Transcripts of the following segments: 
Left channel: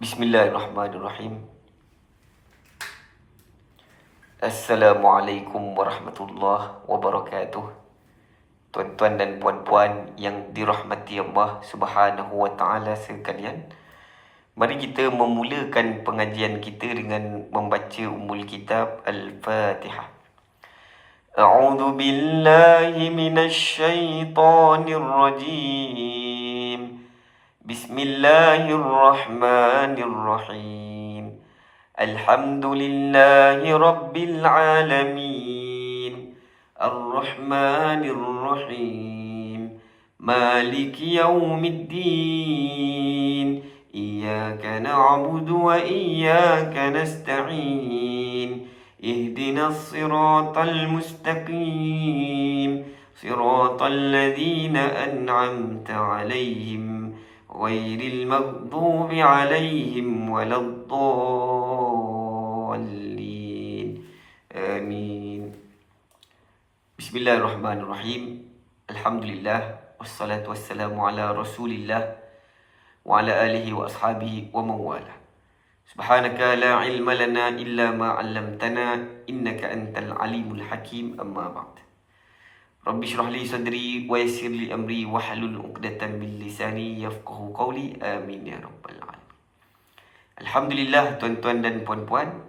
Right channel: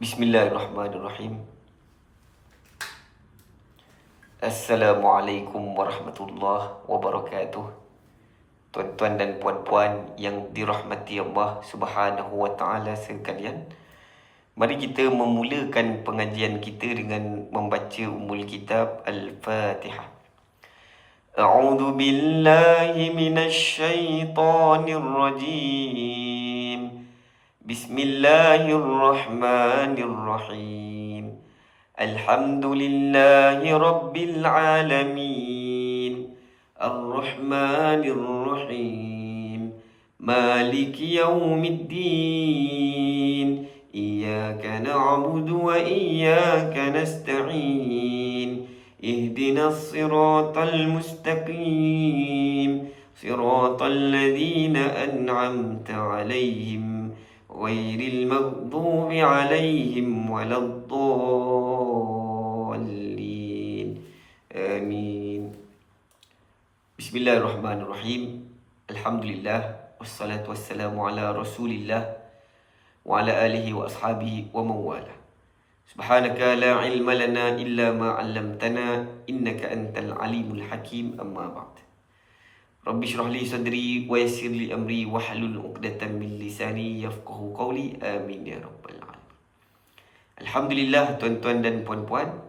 Bismillahirrahmanirrahim. Assalamualaikum warahmatullahi wabarakatuh. Tuan-tuan dan puan-puan yang dirahmati Allah Subhanahu wa taala sekalian. Mari kita memulakan pengajian kita dengan membaca ummul kitab Al-Fatihah. A'udzu billahi minasy syaithanir rajim. Bismillahirrahmanirrahim. Alhamdulillahi rabbil alamin. Ar-Rahmanir Rahim. Maliki yaumiddin. Iyyaka na'budu wa iyyaka nasta'in. Ihdinas siratal mustaqim. Siratal ladzina an'amta 'alaihim غير المغضوب عليهم ولا الضالين آمين. Bismillahirrahmanirrahim. Alhamdulillah wassalatu wassalamu ala Rasulillah wa ala alihi wa ashabihi wa mawala. Subhanaka la ilma lana illa ma 'allamtana innaka antal alimul hakim. Amma ba'd. Rabbi syrah li sadri wa yassir li amri wahlul 'uqdatam min lisani yafqahu qawli. Amin ya rabbal alamin. Alhamdulillah tuan-tuan dan puan-puan,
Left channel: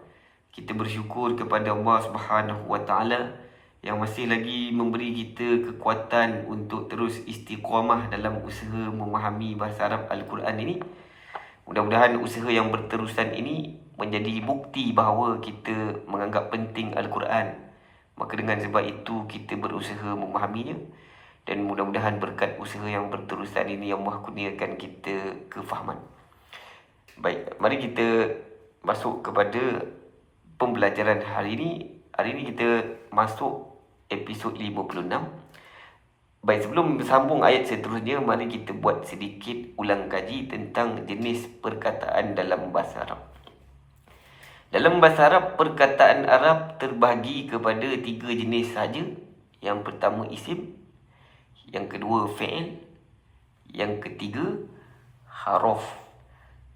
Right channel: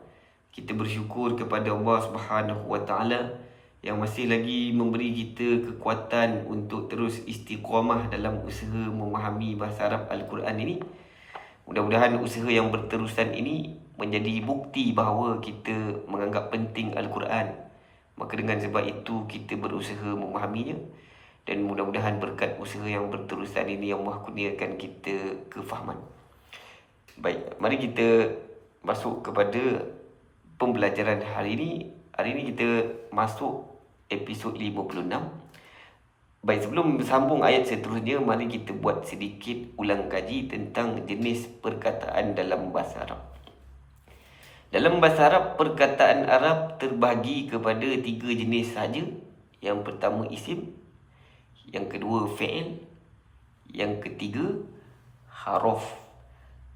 kita bersyukur kepada Allah Subhanahu wa taala yang masih lagi memberi kita kekuatan untuk terus istiqamah dalam usaha memahami bahasa Arab Al-Quran ini. Mudah-mudahan usaha yang berterusan ini menjadi bukti bahawa kita menganggap penting Al-Quran. Maka dengan sebab itu kita berusaha memahaminya. Dan mudah-mudahan berkat usaha yang berterusan ini yang Allah kurniakan kita kefahaman. Baik, mari kita masuk kepada pembelajaran hari ini. Hari ini kita masuk episod 56. Baik, sebelum sambung ayat seterusnya, mari kita buat sedikit ulang kaji tentang jenis perkataan dalam bahasa Arab. Dalam bahasa Arab, perkataan Arab terbahagi kepada 3 jenis sahaja. Yang pertama isim, yang kedua fi'il, yang ketiga haraf.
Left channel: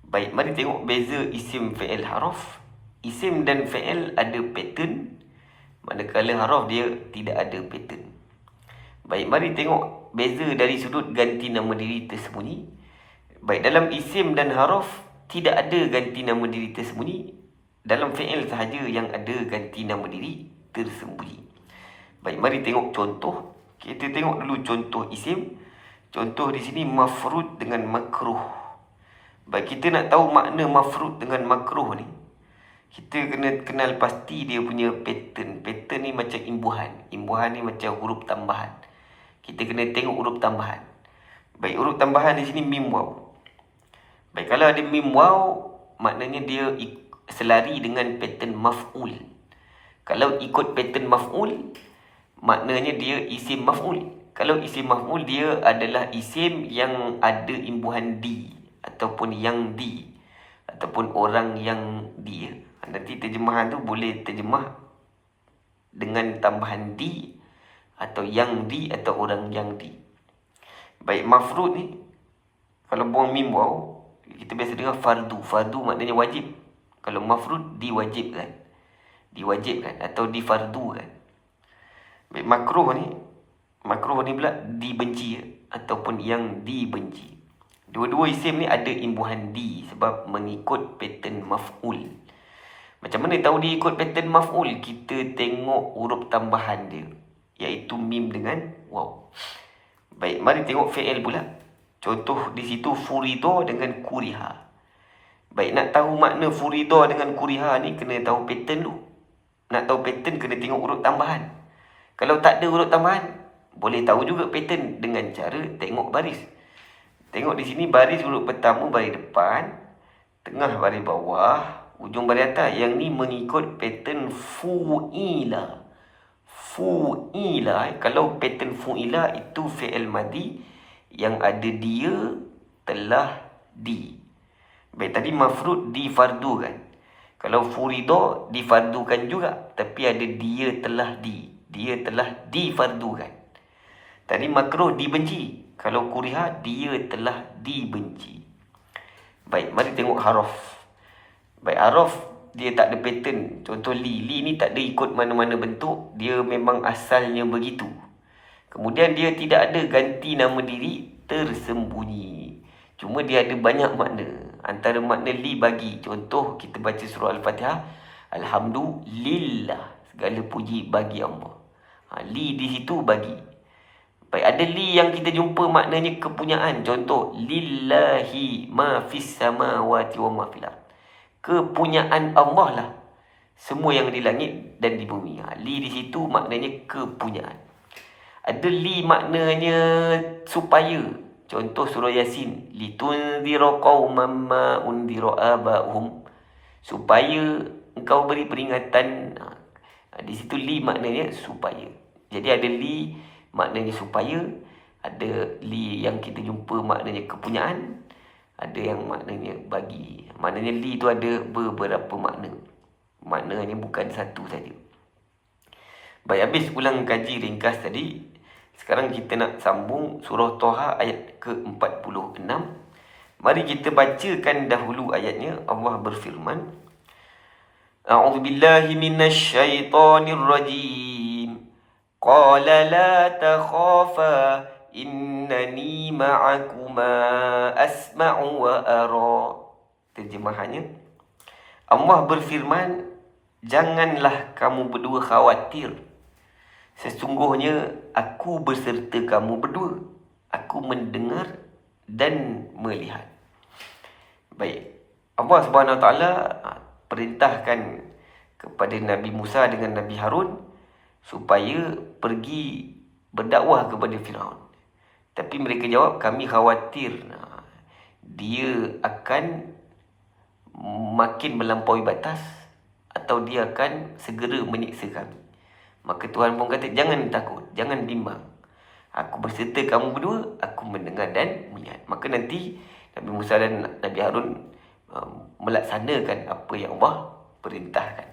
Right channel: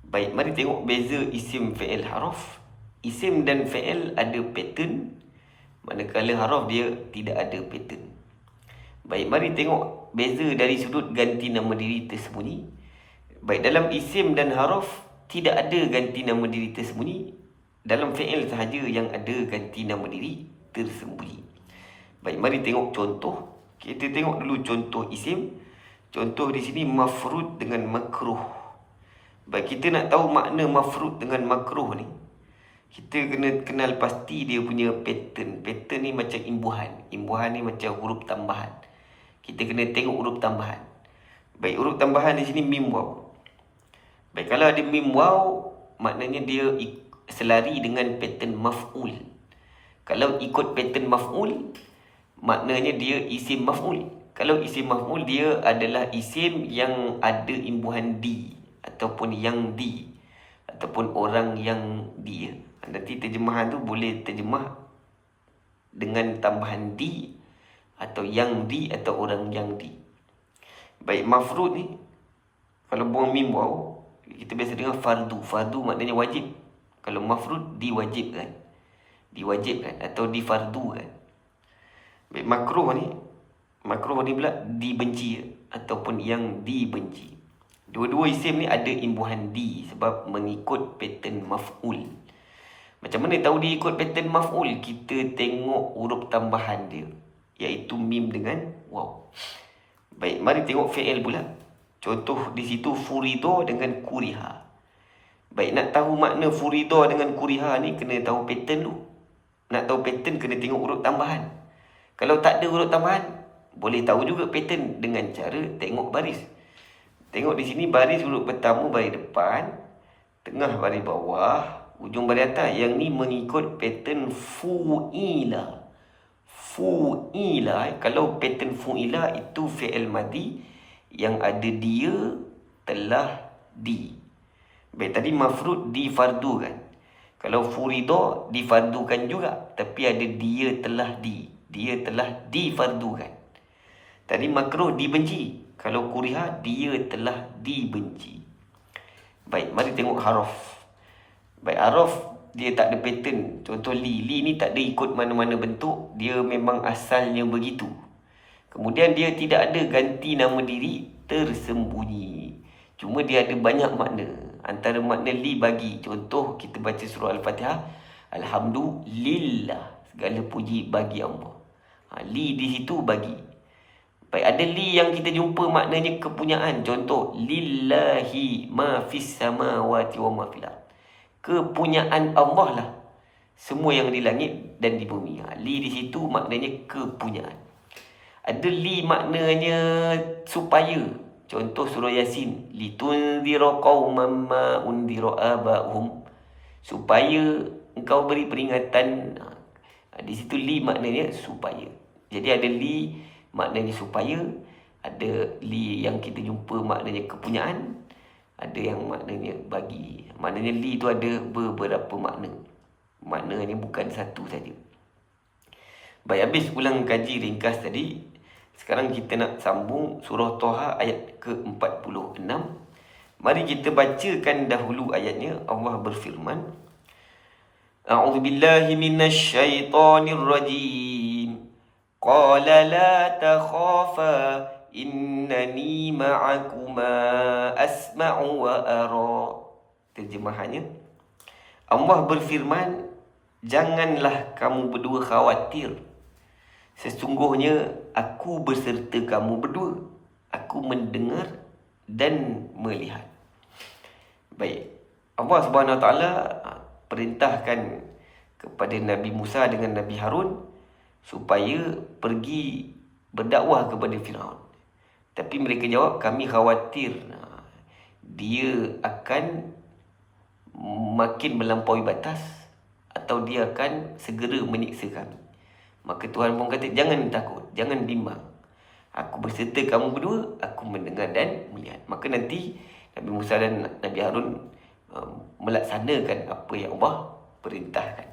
Baik, mari tengok beza isim, fi'il, haraf. Isim dan fi'il ada pattern, manakala haraf dia tidak ada pattern. Baik, mari tengok beza dari sudut ganti nama diri tersembunyi. Baik, dalam isim dan haraf tidak ada ganti nama diri tersembunyi. Dalam fi'il sahaja yang ada ganti nama diri tersembunyi. Baik, mari tengok contoh. Kita tengok dulu contoh isim. Contoh di sini mafrud dengan makruh. Baik, kita nak tahu makna mafrud dengan makruh ni, kita kena kenal pasti dia punya pattern. Pattern ni macam imbuhan. Imbuhan ni macam huruf tambahan. Kita kena tengok huruf tambahan. Baik, huruf tambahan di sini mim waw. Baik, kalau ada mim waw, maknanya dia selari dengan pattern maf'ul. Kalau ikut pattern maf'ul, maknanya dia isim maf'ul. Kalau isim maf'ul, dia adalah isim yang ada imbuhan di, ataupun yang di, ataupun orang yang dia. Nanti terjemahan tu boleh terjemah dengan tambahan di, atau yang di, atau orang yang di. Baik, mafrud ni, kalau buang mim waw, kita biasa dengar fardu. Fardu maknanya wajib. Kalau mafrud, diwajibkan. Diwajibkan atau difardukan. Baik, makruh ni pula dibenci ataupun yang dibenci. Dua-dua isim ni ada imbuhan di sebab mengikut pattern maf'ul. Macam mana tahu dia ikut pattern maf'ul? Kita tengok huruf tambahan dia, iaitu mim dengan waw. Baik, mari tengok fi'il pula. Contoh di situ furido dengan kuriha. Baik, nak tahu makna furida dengan kuriha ni, kena tahu pattern dulu. Nak tahu pattern, kena tengok huruf tambahan. Kalau tak ada huruf tambahan, boleh tahu juga pattern dengan cara tengok baris. Tengok di sini baris huruf pertama baris depan, tengah baris bawah, ujung baris atas. Yang ni mengikut pattern fu'ila. Fu'ila, kalau pattern fu'ila itu fi'il madi yang ada dia, telah, di. Baik, tadi mafrud difardukan. Kalau furido difardukan juga, tapi ada dia telah di. Dia telah difardukan. Tadi makruh dibenci. Kalau kuriha, dia telah dibenci. Baik, mari tengok haraf. Baik, haraf dia tak ada pattern. Contoh li. Li ni tak ada ikut mana-mana bentuk. Dia memang asalnya begitu. Kemudian dia tidak ada ganti nama diri tersembunyi. Cuma dia ada banyak makna. Antara makna li bagi. Contoh kita baca surah Al-Fatihah. Alhamdulillah. Segala puji bagi Allah. Li di situ bagi. Baik, ada li yang kita jumpa maknanya kepunyaan. Contoh, lillahi ma fis samawati wa ma fil ard. Kepunyaan Allah lah semua yang di langit dan di bumi. Li di situ maknanya kepunyaan. Ada li maknanya supaya. Contoh surah Yasin, litunzira qauman ma unzira aba'uhum. Supaya engkau beri peringatan. Di situ li maknanya supaya. Jadi ada li maknanya supaya, ada li yang kita jumpa maknanya kepunyaan, ada yang maknanya bagi. Maknanya li itu ada beberapa makna. Maknanya bukan satu saja. Baik, habis ulang kaji ringkas tadi. Sekarang kita nak sambung surah Toha ayat ke-46. Mari kita bacakan dahulu ayatnya. Allah berfirman, A'udzubillahi minasyaitonirrajim. Qala la takhafa innani ma'akuma asma'u wa ara. Terjemahannya, Allah berfirman, janganlah kamu berdua khawatir. Sesungguhnya aku berserta kamu berdua. Aku mendengar dan melihat. Baik, Allah Subhanahu Wa Taala perintahkan kepada Nabi Musa dengan Nabi Harun supaya pergi berdakwah kepada Firaun. Tapi mereka jawab, kami khawatir dia akan makin melampaui batas atau dia akan segera menyiksa kami. Maka Tuhan pun kata, jangan takut, jangan bimbang. Aku berserta kamu berdua, aku mendengar dan melihat. Maka nanti Nabi Musa dan Nabi Harun melaksanakan apa yang Allah perintahkan.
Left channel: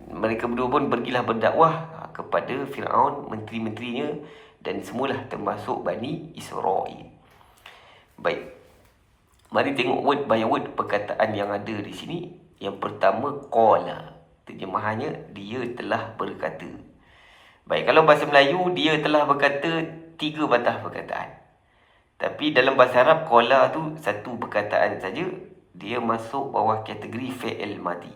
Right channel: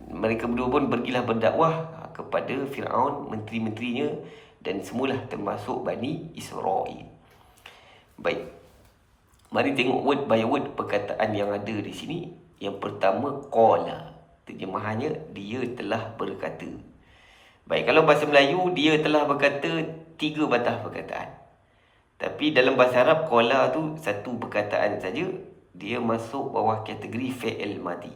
Mereka berdua pun pergilah berdakwah kepada Firaun, menteri-menterinya dan semualah termasuk Bani Israel. Baik, mari tengok word by word perkataan yang ada di sini. Yang pertama, qala. Terjemahannya, dia telah berkata. Baik, kalau bahasa Melayu, dia telah berkata 3 batah perkataan. Tapi dalam bahasa Arab, qala tu satu perkataan saja. Dia masuk bawah kategori fi'il madi.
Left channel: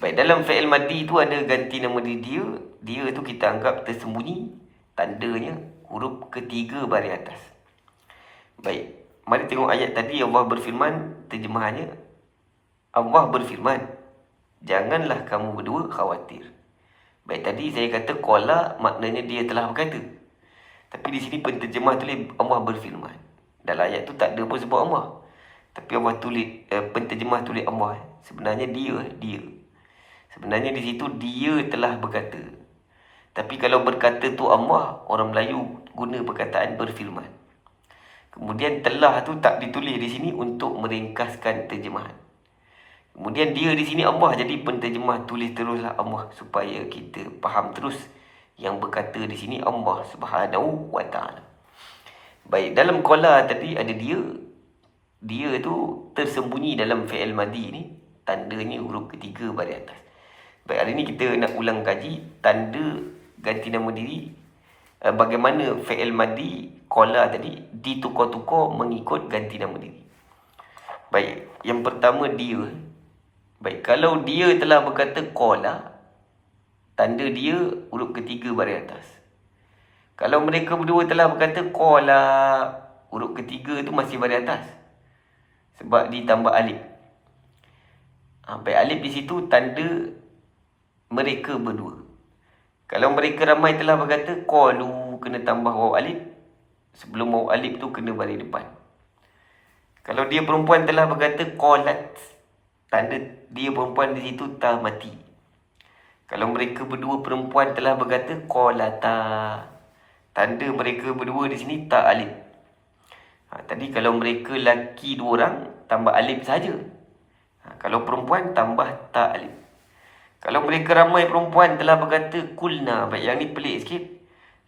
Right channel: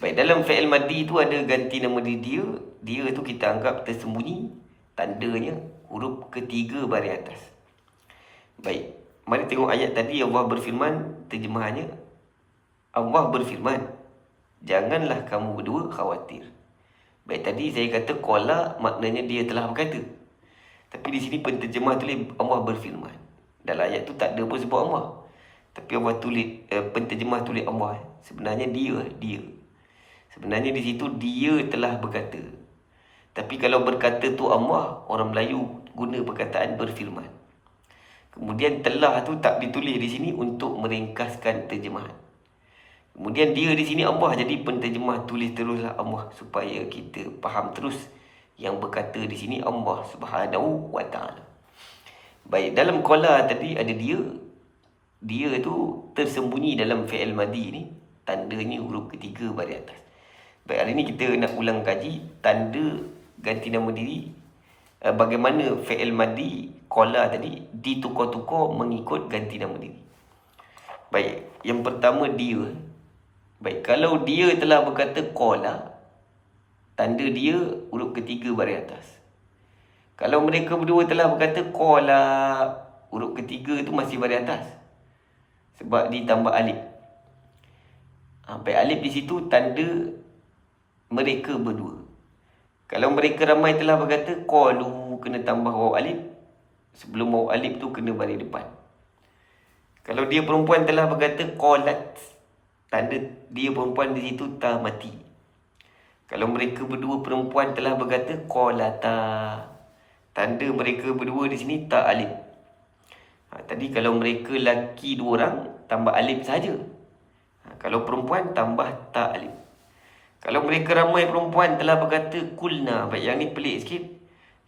Baik, dalam fi'il madi tu ada ganti nama dia. Dia tu kita anggap tersembunyi. Tandanya huruf ketiga baris atas. Baik, mari tengok ayat tadi. Allah berfirman, terjemahannya, Allah berfirman, janganlah kamu berdua khawatir. Baik, tadi saya kata qala maknanya dia telah berkata. Tapi di sini penterjemah tulis Allah berfirman. Dalam ayat tu tak ada pun sebut Allah. Tapi Allah tulis, penterjemah tulis Allah. Sebenarnya dia. Sebenarnya di situ dia telah berkata. Tapi kalau berkata tu Allah, orang Melayu guna perkataan berfirman. Kemudian telah tu tak ditulis di sini untuk meringkaskan terjemahan. Kemudian dia di sini Allah, jadi penterjemah tulis teruslah Allah supaya kita faham terus yang berkata di sini Allah Subhanahu Wa Taala. Baik, dalam qala tadi ada dia. Dia tu tersembunyi dalam fi'il madi ni, tandanya huruf ketiga baris atas. Baik, hari ni kita nak ulang kaji tanda ganti nama diri. Bagaimana fi'il madi qala tadi ditukar-tukar mengikut ganti nama diri. Baik, yang pertama dia. Baik, kalau dia telah berkata qala, tanda dia huruf ketiga baris atas. Kalau mereka berdua telah berkata qala, huruf ketiga tu masih baris atas. Sebab ditambah alif. Baik, alif di situ tanda mereka berdua. Kalau mereka ramai telah berkata qalu, kena tambah waw alif. Sebelum waw alif tu kena baris depan. Kalau dia perempuan telah berkata qalat, tanda dia perempuan di situ ta mati. Kalau mereka berdua perempuan telah berkata qalata, tanda mereka berdua di sini ta alif. Tadi kalau mereka laki 2 orang, tambah alif saja. Kalau perempuan tambah ta alif. Kalau mereka ramai perempuan telah berkata kulna. Baik, yang ni pelik sikit.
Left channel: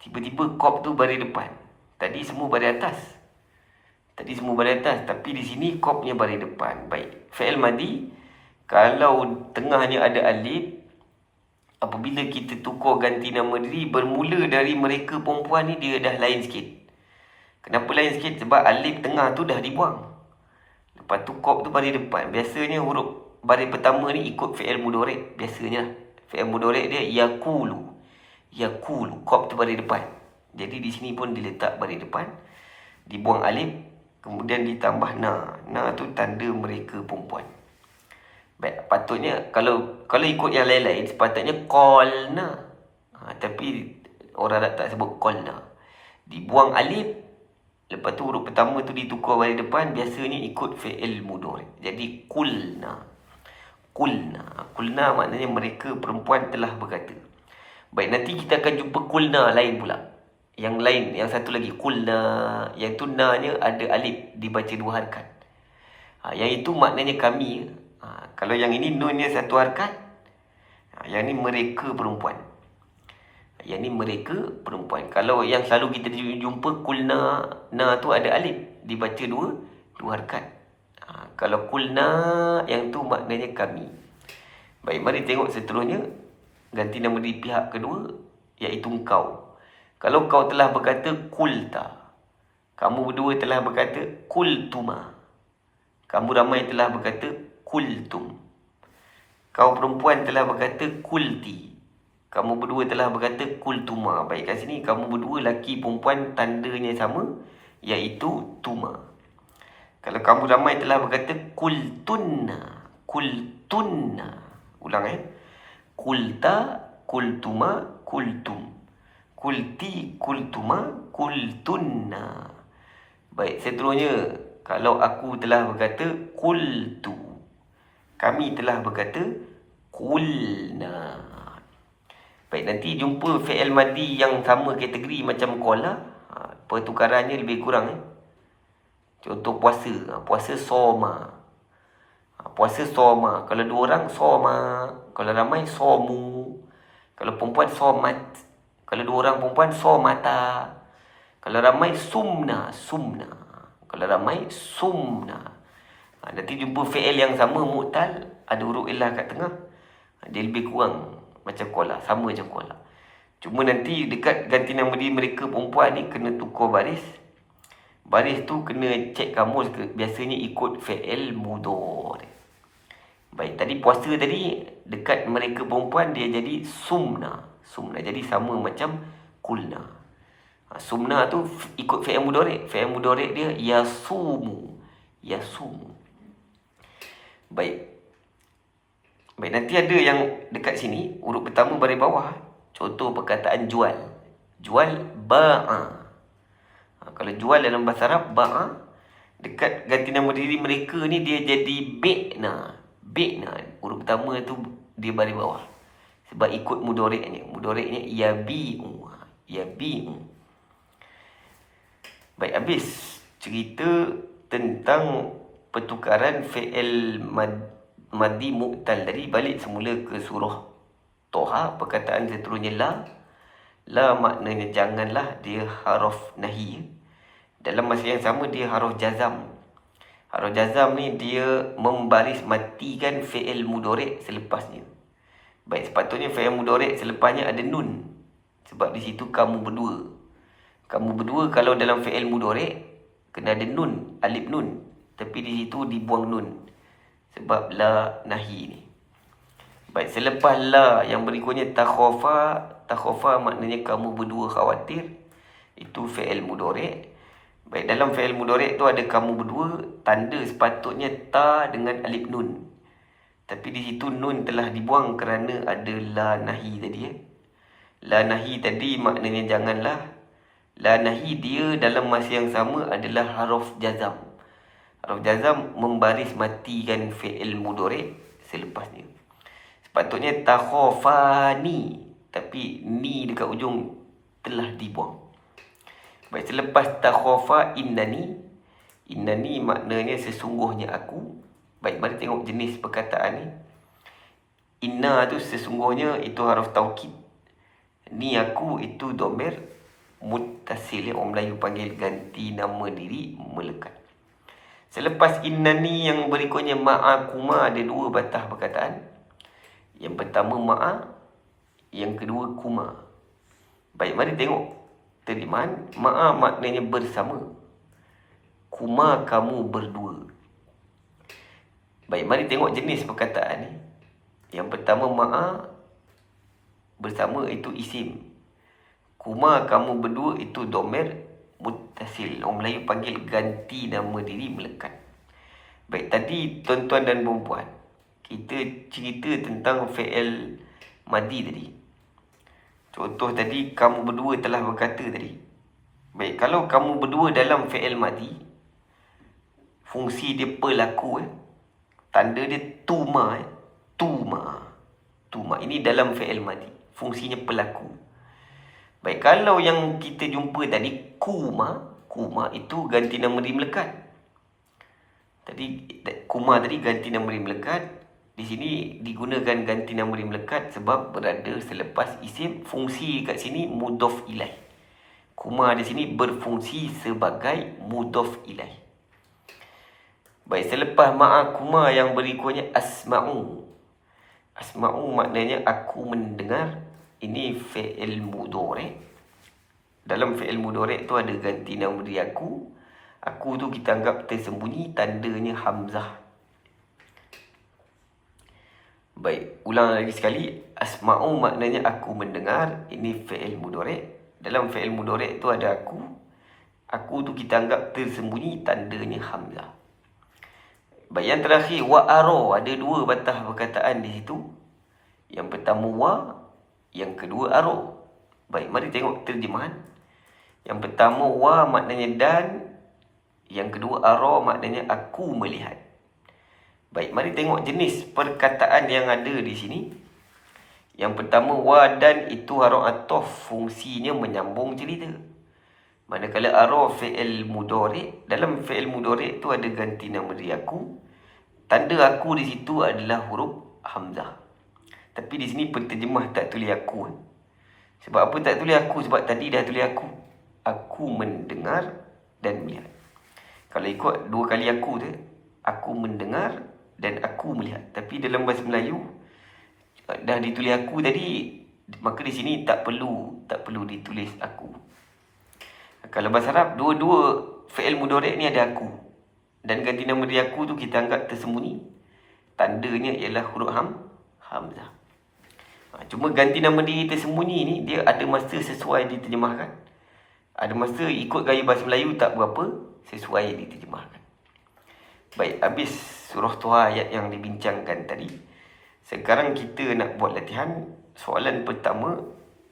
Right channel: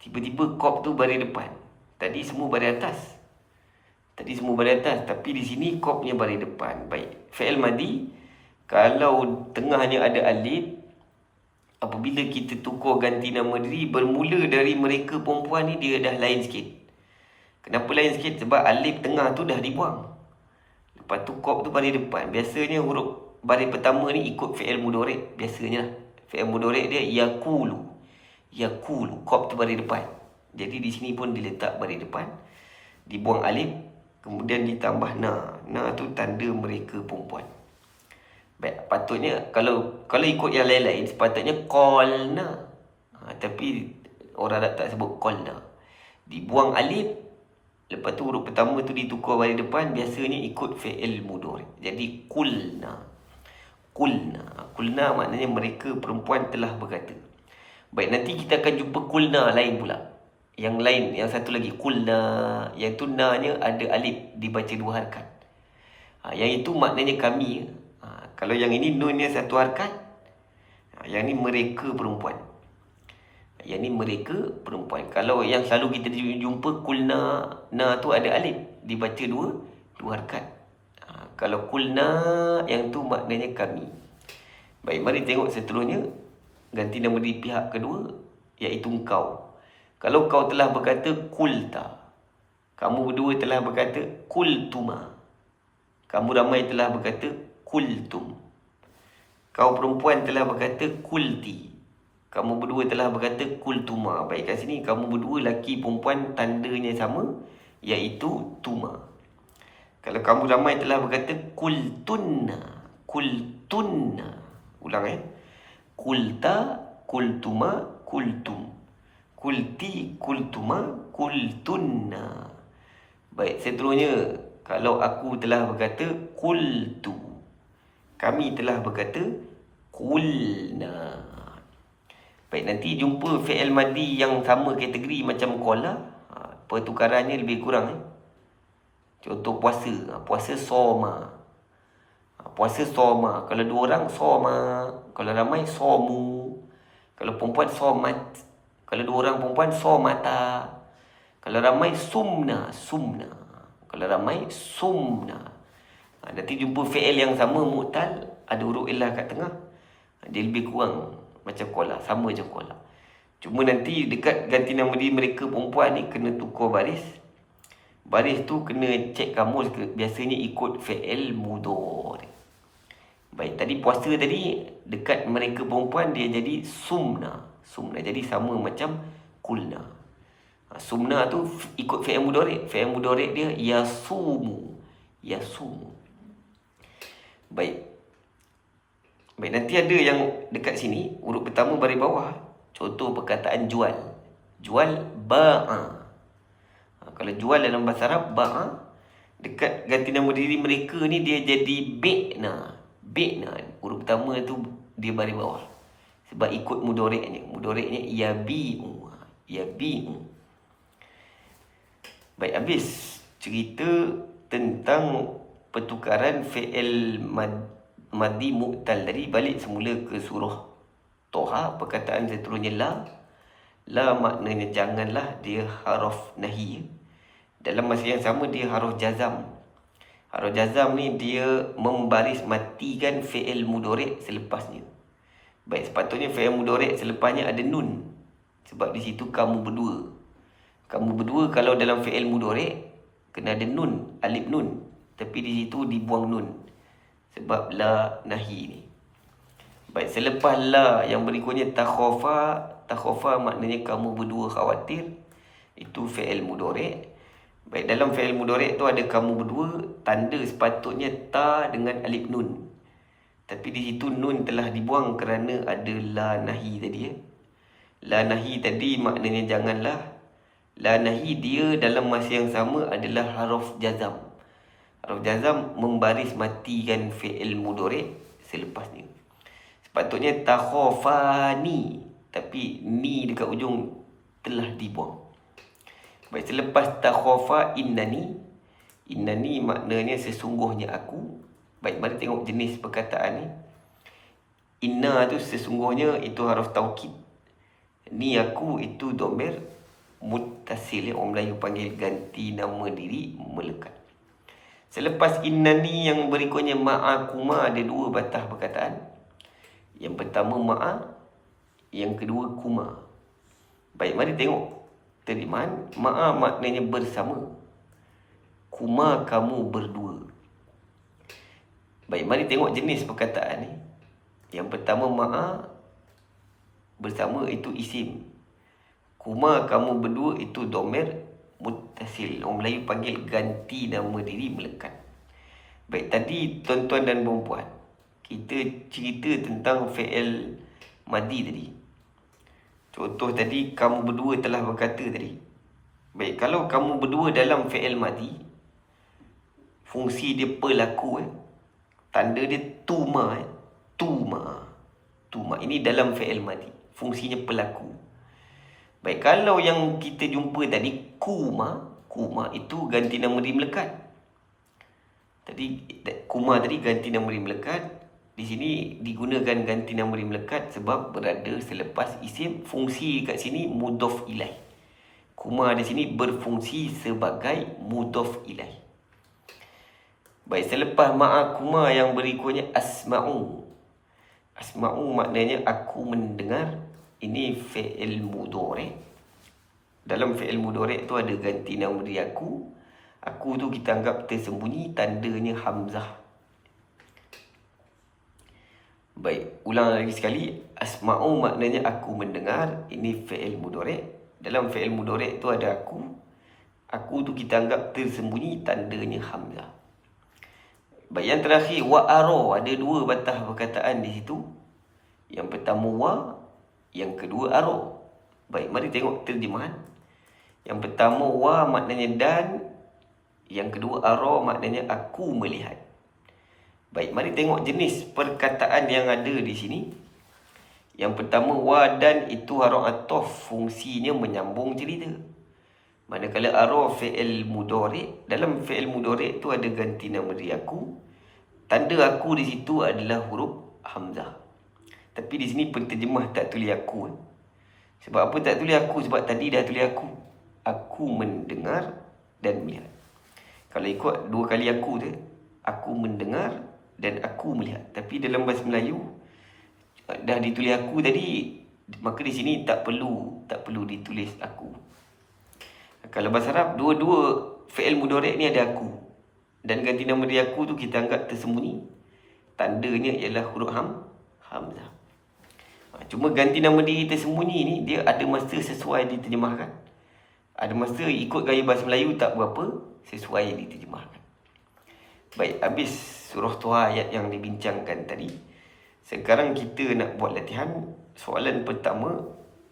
Tiba-tiba kop tu baris depan. Tadi semua baris atas. Tadi semua baris atas, tapi di sini kopnya baris depan. Baik, fi'il madi kalau tengahnya ada alif, apabila kita tukar ganti nama diri, bermula dari mereka perempuan ni dia dah lain sikit. Kenapa lain sikit? Sebab alif tengah tu dah dibuang. Lepas tu kop tu baris depan. Biasanya huruf baris pertama ni ikut fi'il mudhari'. Biasanya fi'il mudhari' dia yaqulu. Yaqulu, kop tu baris depan. Jadi di sini pun diletak baris depan. Dibuang alif, kemudian ditambah na. Na tu tanda mereka perempuan. Baik, patutnya kalau ikut yang lain-lain sepatutnya qalna. Tapi orang tak sebut qalna. Dibuang alif, lepas tu huruf pertama tu ditukar baris depan, biasanya ikut fi'il mudhari'. Jadi qulna. Qulna. Qulna maknanya mereka perempuan telah berkata. Baik, nanti kita akan jumpa qulna lain pula. Yang lain, yang satu lagi qulna, yang tu na-nya ada alif dibaca 2 harakat. Yang itu maknanya kami. Kalau yang ini nunnya 1 harakat. Yang ni mereka perempuan. Yang ni mereka perempuan. Kalau yang selalu kita jumpa qulna, na tu ada alif dibaca 2 harakat. Kalau qulna, yang tu maknanya kami. Baik, mari tengok seterusnya. Ganti nama di pihak kedua, iaitu engkau. Kalau kau telah berkata qulta, kamu berdua telah berkata qultuma. Kamu ramai telah berkata qultum. Kau perempuan telah berkata qulti. Kamu berdua telah berkata qultuma. Baik, kat sini kamu berdua laki perempuan tandanya sama, iaitu tuma. Kalau kamu ramai telah berkata qultunna. Qultunna. Ulang qulta, qultuma, qultum. Qulti, qultuma, qultunna. Baik, seterusnya kalau aku telah berkata qultu. Kami telah berkata qulna. Baik, nanti jumpa fi'il madi yang sama kategori macam qala. Pertukarannya lebih kurang. Contoh puasa. Puasa soma. Puasa soma. Kalau 2 orang soma. Kalau ramai somu. Kalau perempuan somat. Kalau 2 orang perempuan somata. Kalau ramai sumna. Sumna. Kalau ramai sumna. Nanti jumpa fi'il yang sama mu'tal, ada huruf illah kat tengah. Dia lebih kurang macam qala, sama je qala. Cuma nanti dekat ganti nama diri mereka perempuan ni kena tukar baris. Baris tu kena cek kamus ke, biasanya ikut fi'il mudhari'. Baik, tadi puasa tadi dekat mereka perempuan dia jadi sumna. Sumna jadi sama macam qulna. Sumna tu ikut fi'il mudhari'. Fi'il mudhari' dia yasumu. Yasumu. Baik. Baik, nanti ada yang dekat sini, huruf pertama baris bawah. Contoh perkataan jual. Jual ba'a. Kalau jual dalam bahasa Arab, ba'a. Dekat ganti nama diri mereka ni dia jadi bi'na. Bi'na. Huruf pertama tu dia baris bawah. Sebab ikut mudhari'nya. Mudhari'nya yabi'u. Yabi'u. Baik, habis cerita tentang pertukaran fi'il madi mu'tal tadi. Balik semula ke surah Toha. Perkataan seterusnya la. La maknanya janganlah, dia haruf nahi. Dalam masa yang sama dia haruf jazam. Haruf jazam ni dia membaris matikan fi'il mudhari' selepasnya. Baik, sepatutnya fi'il mudhari' selepasnya ada nun. Sebab di situ kamu berdua. Kamu berdua kalau dalam fi'il mudhari' kena ada nun, alif nun. Tapi di situ dibuang nun. Sebab la nahi ni. Baik, selepas la yang berikutnya takhafa. Takhafa maknanya kamu berdua khawatir. Itu fi'il mudhari'. Baik, dalam fi'il mudhari' tu ada kamu berdua. Tanda sepatutnya ta dengan alif nun. Tapi di situ nun telah dibuang kerana ada la nahi tadi. La nahi tadi maknanya janganlah. La nahi dia dalam masa yang sama adalah haruf jazam. Haruf jazam membaris matikan fi'il mudhari' selepasnya. Sepatutnya takhafani, tapi ni dekat ujung telah dibuang. Baik, selepas takhafa innani. Innani maknanya sesungguhnya aku. Baik, mari tengok jenis perkataan ni. Inna tu sesungguhnya itu haruf taukid. Ni aku itu domir muttasil. Orang Melayu panggil ganti nama diri melekat. Selepas innani yang berikutnya ma'akuma ada dua batah perkataan. Yang pertama ma'a, yang kedua kuma. Baik, mari tengok terjemahan. Ma'a maknanya bersama, kuma kamu berdua. Baik, mari tengok jenis perkataan ni. Yang pertama ma'a, bersama itu isim. Kuma kamu berdua itu domir muttasil. Orang Melayu panggil ganti nama diri melekat. Baik, tadi tuan-tuan dan perempuan, kita cerita tentang fi'il madi tadi. Contoh tadi, kamu berdua telah berkata tadi. Baik, kalau kamu berdua dalam fi'il madi, fungsi dia pelaku. Tanda dia tuma. Tuma. Ini dalam fi'il madi. Fungsinya pelaku. Baik, kalau yang kita jumpa tadi, kuma itu ganti nama diri melekat. Tadi kuma tadi ganti nama diri melekat. Di sini digunakan ganti nama diri melekat sebab berada selepas isim. Fungsi kat sini mudhaf ilaih. Kuma di sini berfungsi sebagai mudhaf ilaih. Baik, selepas ma'akuma yang berikutnya asma'u. Asma'u maknanya aku mendengar. Ini fi'il mudhari'. Dalam fi'il mudhari' tu ada ganti nama diri aku. Aku tu kita anggap tersembunyi, tandanya hamzah. Baik, ulang lagi sekali. Asma'u maknanya aku mendengar. Ini fi'il mudhari'. Dalam fi'il mudhari' tu ada aku. Aku tu kita anggap tersembunyi, tandanya hamzah. Baik, yang terakhir wa'ara. Ada dua batah perkataan di situ. Yang pertama wa, yang kedua ara. Baik, mari tengok terjemahan. Yang pertama wa maknanya dan, yang kedua ara maknanya aku melihat. Baik, mari tengok jenis perkataan yang ada di sini. Yang pertama wa dan itu harf ataf, fungsinya menyambung cerita. Manakala ara fi'il mudhari', dalam fi'il mudhari' tu ada ganti nama diri aku. Tanda aku di situ adalah huruf hamzah. Tapi di sini penterjemah tak tulis aku. Sebab apa tak tulis aku? Sebab tadi dah tulis aku. Aku mendengar dan melihat. Kalau ikut dua kali aku tu, aku mendengar dan aku melihat. Tapi dalam bahasa Melayu dah ditulis aku tadi, maka di sini tak perlu ditulis aku. Kalau bahasa Arab, dua-dua fi'il mudhari' ni ada aku. Dan ganti nama diri aku tu kita anggap tersembunyi. Tandanya ialah huruf hamzah. Cuma ganti nama diri tersembunyi ni, dia ada masa sesuai diterjemahkan. Ada masa ikut gaya bahasa Melayu tak berapa sesuai diterjemahkan. Baik, habis surah Tuha ayat yang dibincangkan tadi. Sekarang kita nak buat latihan. Soalan pertama,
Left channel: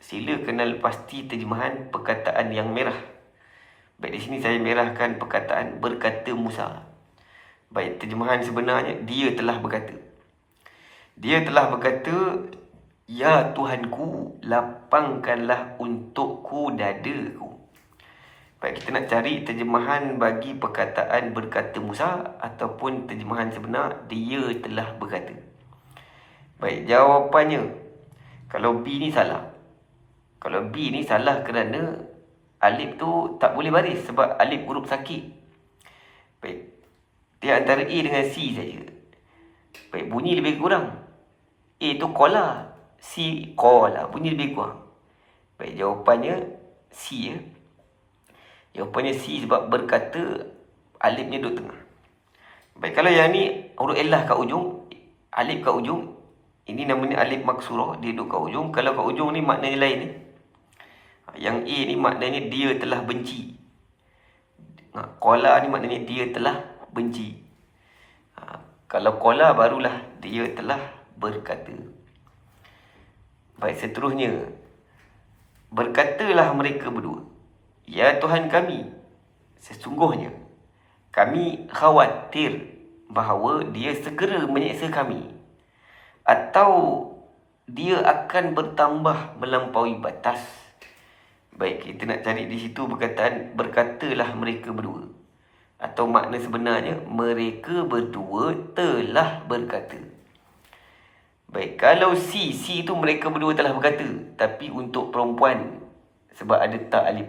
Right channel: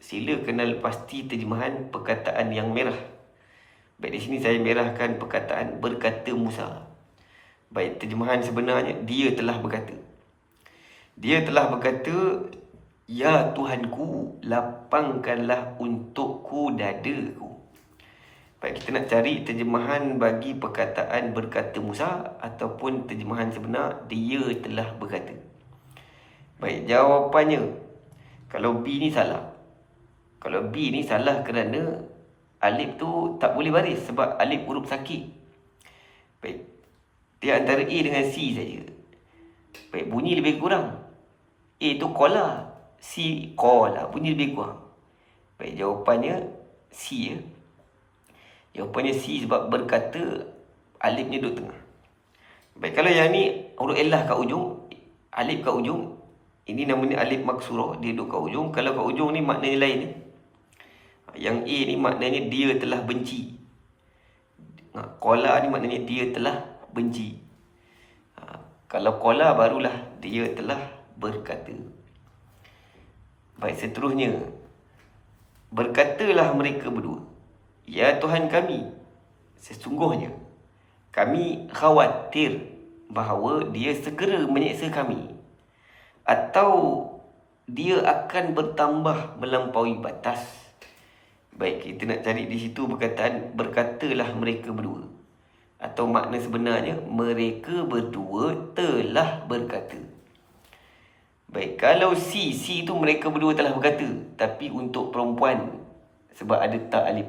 sila kenal pasti terjemahan perkataan yang merah. Baik, di sini saya merahkan perkataan berkata Musa. Baik, terjemahan sebenarnya, dia telah berkata. Dia telah berkata, ya Tuhanku, lapangkanlah untukku dadaku. Baik, kita nak cari terjemahan bagi perkataan berkata Musa ataupun terjemahan sebenar dia telah berkata. Baik, jawapannya, kalau B ni salah. Kalau B ni salah kerana alif tu tak boleh baris sebab alif huruf sakit. Baik, dia antara A dengan C saja. Baik, bunyi lebih kurang. A tu kola, C kola, bunyi lebih kurang. Baik, jawapannya C ya. Jawapannya C sebab berkata alifnya duduk tengah. Baik, kalau yang ni huruf elah kat ujung, alif kat ujung, ini namanya alif maksurah, dia duduk kat ujung. Kalau kat ujung ni maknanya lain ni. Yang A ni maknanya dia telah benci. Kola ni maknanya dia telah benci. Kalau kola barulah dia telah berkata. Baik, seterusnya, berkatalah mereka berdua, ya Tuhan kami, sesungguhnya kami khawatir bahawa dia segera menyeksa kami, atau dia akan bertambah melampaui batas. Baik, kita nak cari di situ perkataan berkatalah mereka berdua, atau makna sebenarnya mereka berdua telah berkata. Baik, kalau C tu mereka berdua telah berkata, tapi untuk perempuan sebab ada tak alif,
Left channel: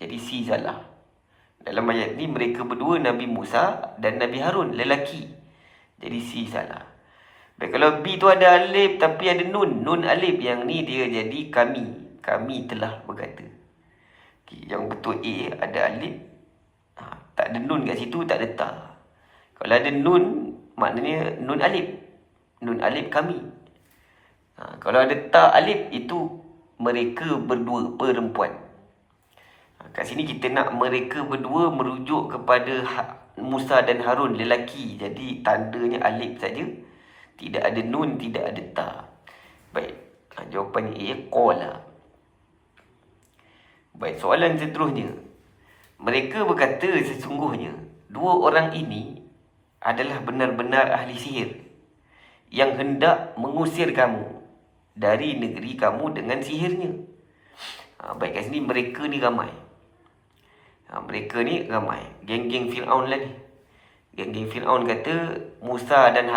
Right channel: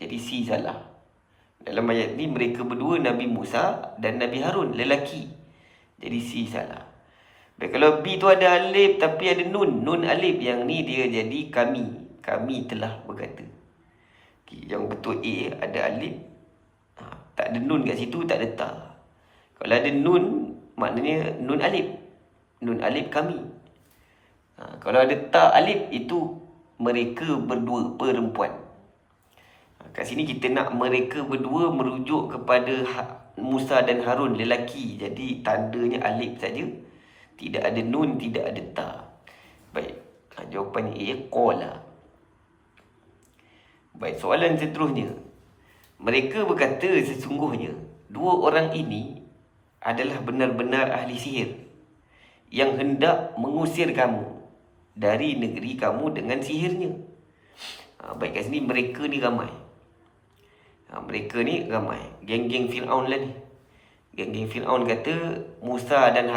jadi C salah. Dalam ayat ni mereka berdua, Nabi Musa dan Nabi Harun, lelaki. Jadi C salah. Baik, kalau B tu ada alif tapi ada nun, nun alif, yang ni dia jadi kami telah berkata. Okay, yang betul A ada alif, tak ada nun kat situ, tak ada ta. Kalau ada nun, maknanya nun alif kami. Kalau ada ta alif, itu mereka berdua perempuan. Kat sini kita nak mereka berdua merujuk kepada Musa dan Harun, lelaki. Jadi tandanya alif saja, tidak ada nun, tidak ada ta. Baik, jawapannya A, qala. Baik, soalan seterusnya. Mereka berkata sesungguhnya dua orang ini adalah benar-benar ahli sihir yang hendak mengusir kamu dari negeri kamu dengan sihirnya. Baik, kat sini mereka ni ramai. Mereka ni ramai. Geng-geng Fir'aun lah ni. Geng-geng Fir'aun kata Musa dan